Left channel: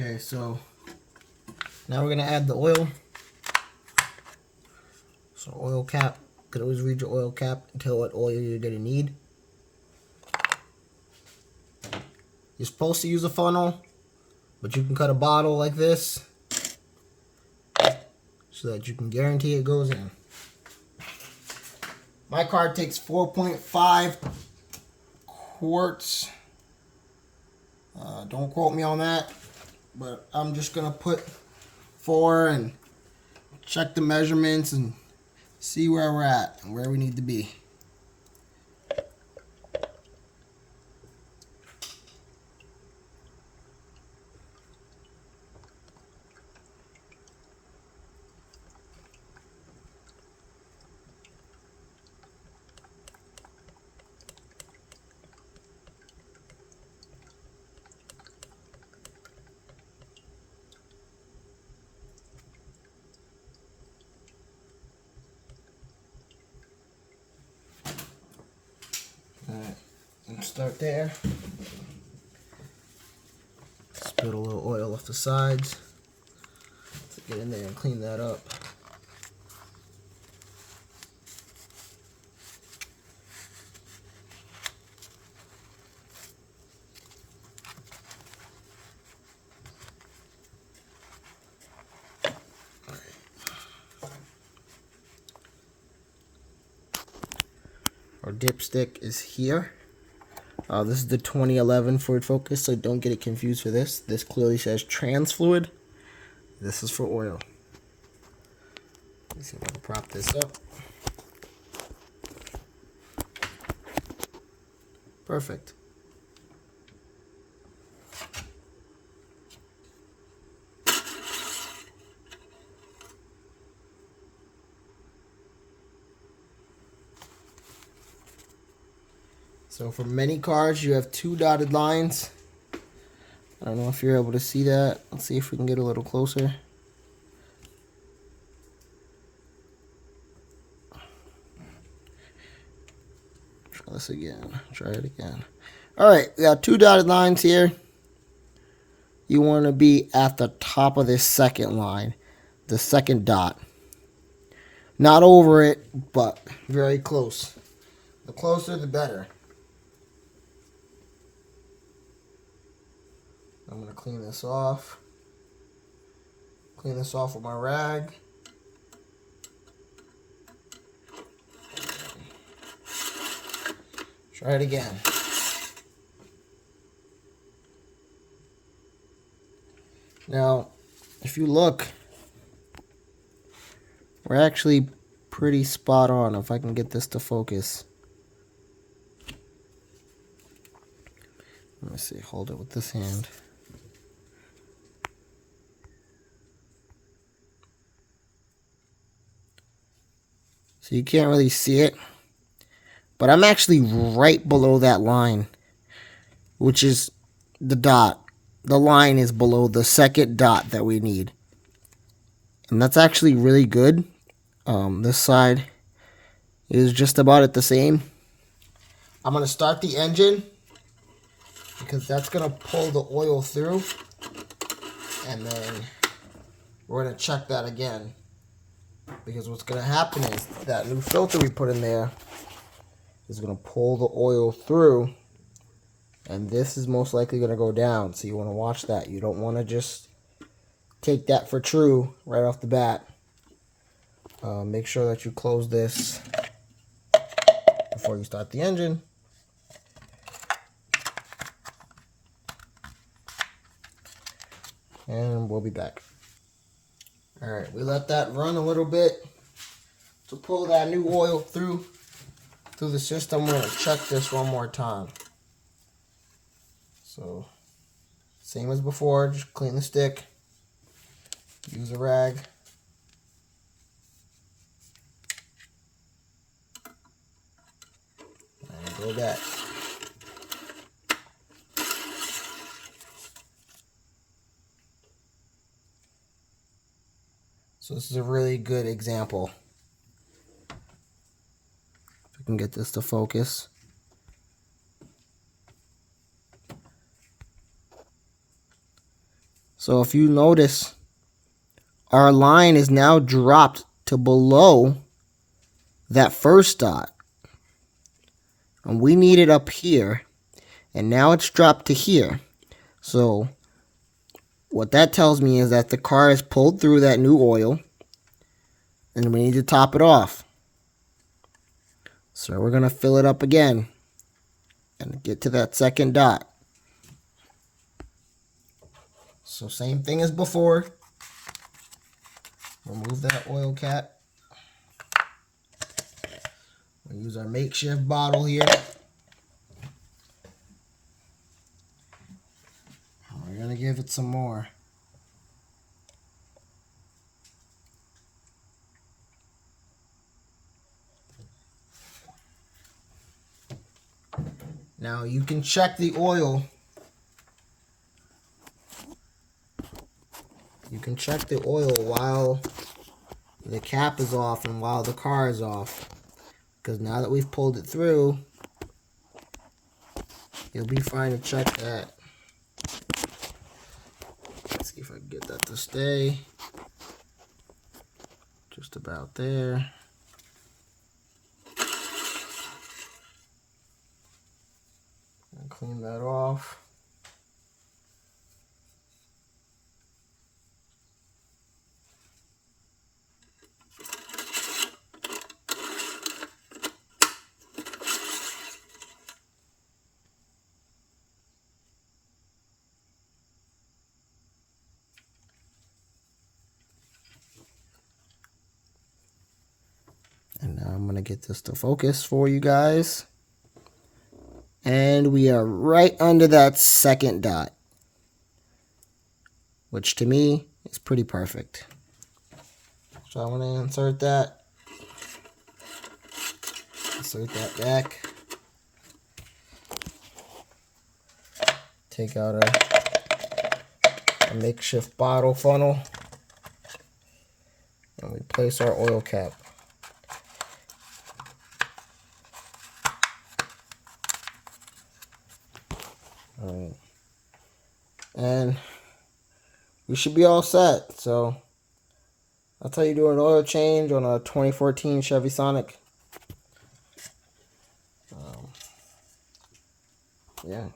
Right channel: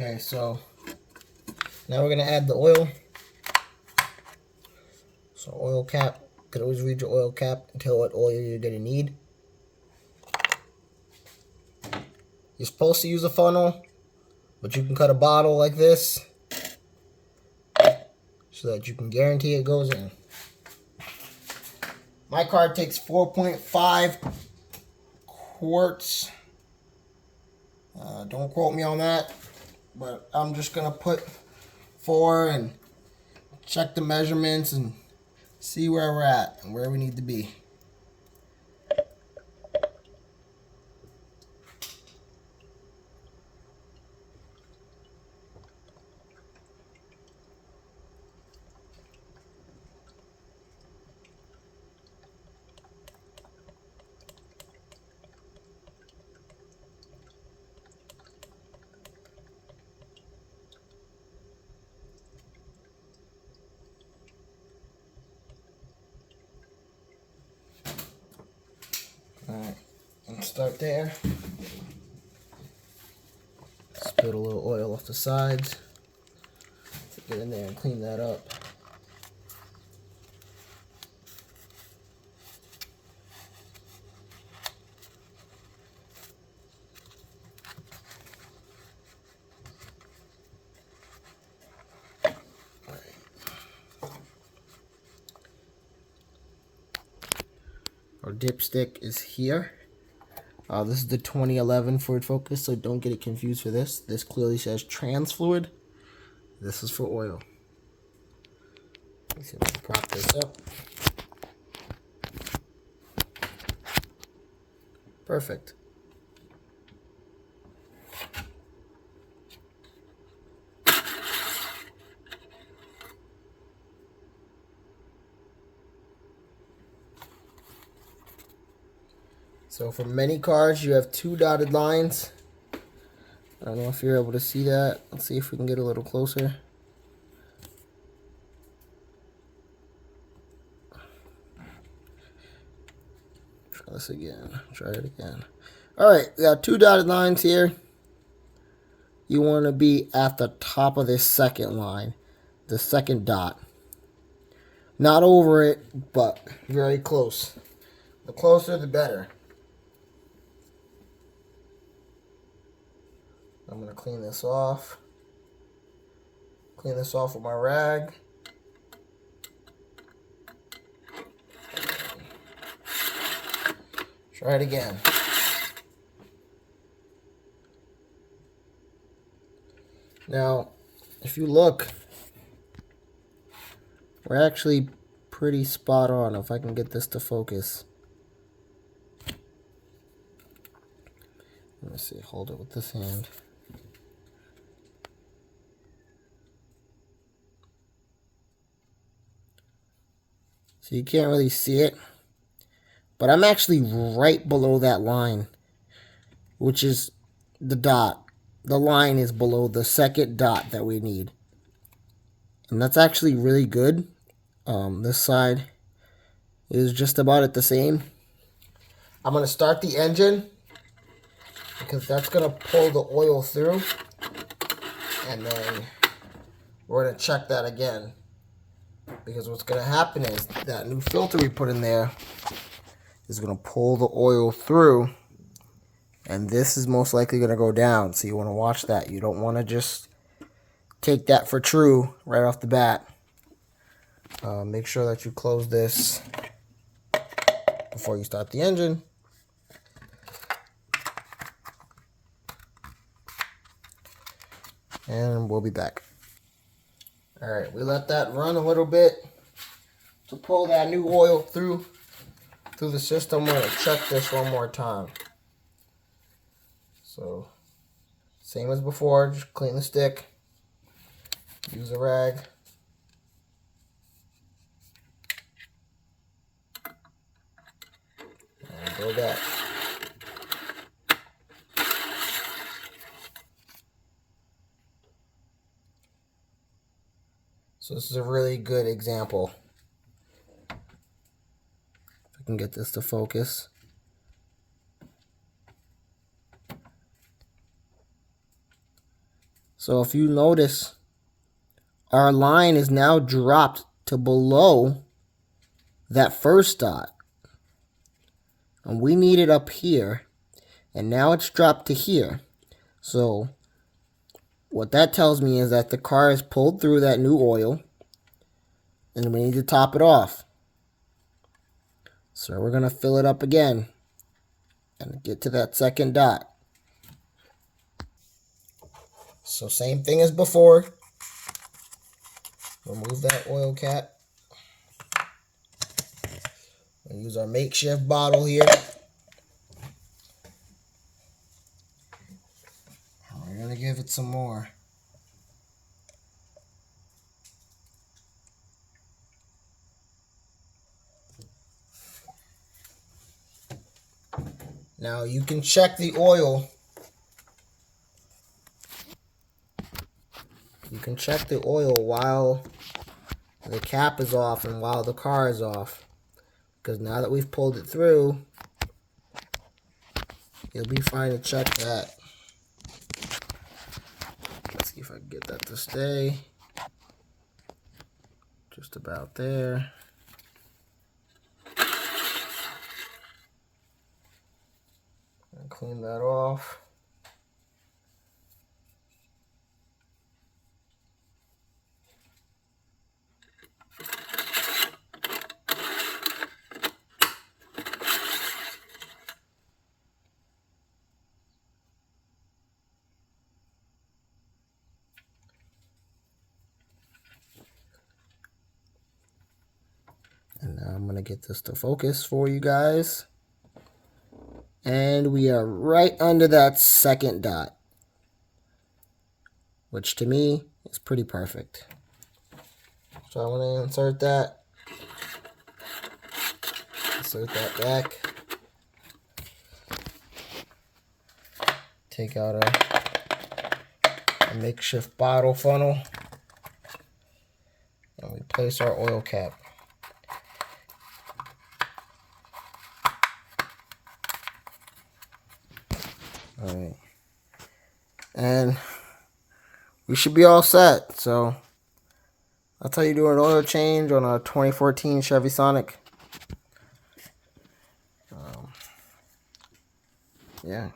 Okay, so now we're gonna add the oil. So oil cap, you could always read your oil cap and tell what oil you're gonna need. You're supposed to use a funnel, but you can cut a bottle like this so that you can guarantee it goes in. My car takes 4.5 quarts. Don't quote me on that, but I'm just gonna put 4 and check the measurements and see where we're at and where we need to be. Alright, let's start there. Spill a little oil off the sides. Let's get in there and clean that up. Our dipstick is here. This is the 2011 Ford Focus, so don't get it confused for this. This clearly says trans fluid. This is for oil. Let's see if I can prop this up. Perfect. So for many cars, you have 2 dotted lines. I don't know if you're able to see that. Let's see if we can get a little closer. Try this again. Try it again. All right, we got 2 dotted lines here. You want to be at the top of this second line, the second dot. Not over it, but very close. The closer, the better. I'm going to clean this off. Clean this off with my rag. Try it again. Now, if you look, we're actually pretty spot on. If I can get this to focus. Let me see, hold it with this hand. So you can't really see it, but I'm actually right below that line, which is the dot. The line is below the second dot that we need. And that's actually really good. This side is just about at the same. I'm going to start the engine because that's going to pull the oil through. And then we're going to check that again. Because what's going to happen is that new filter we put in there is going to pull the oil through. And this is most likely going to go down. So you want to watch that. You don't want to just take that for true right off the bat. Make sure that you close this before you start the engine. And we'll be back. Alright, we let that run a little bit to pull that new oil through the system. We're going to check this one more time. So, same as before, just clean the stick, use a rag. And go back. So this is a really good example. If I can get this to focus. So if you notice, our line is now dropped to below that first dot. And we need it up here. And now it's dropped to here. So what that tells me is that the car has pulled through that new oil. And we need to top it off. So we're going to fill it up again. And get to that second dot. So same thing as before. Remove that oil cap. We'll use our makeshift bottle here. And we're going to give it some more. Now you can check the oil. You can check the oil while the cap is off and while the car is off. Because now that we've pulled it through, you'll be fine to check that. Let's see if I can get that to stay. Just about there. And clean that off. And now I'm going to get this to focus for you guys. And we are right under that second dot, which to me is pretty perfect. So I'm going to insert that back. Take out a makeshift bottle funnel. And we place our oil cap. Alright. And we should be all set. So that's how you do an oil change on a 2014 Chevy Sonic. Yeah.